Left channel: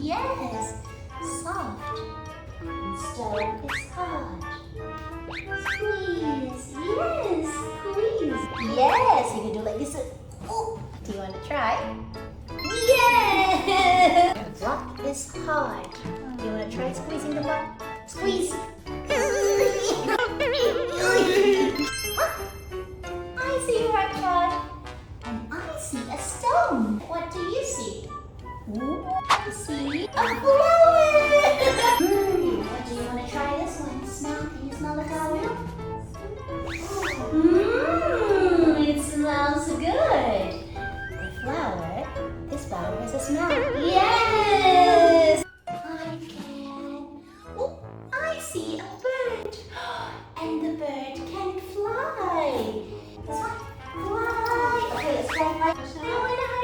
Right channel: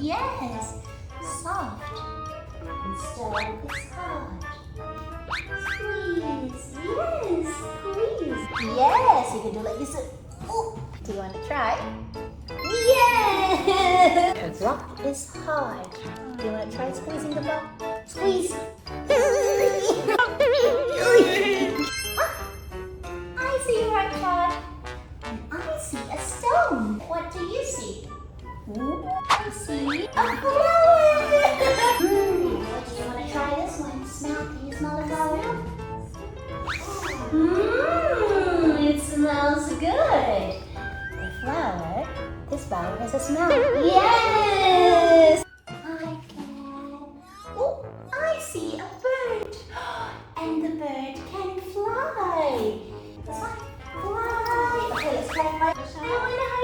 Yes, soft. And stone is hard. Squeeze. Yes, squeeze. Yes, you can do like this. Oh, do you want to try? Yes. A rock is hard. Do you want to try squeezing the block? Squeeze. I see a rock hard. And I see a stone. What do you see? Ooh, I see a flower. What do you want to try this one? Smell? Can you smell the flower? It smells good. This flower has a smell. Yes. I can. Oh, I see a bird. And the bird can fly. Fly. Okay, let's try fly. I want to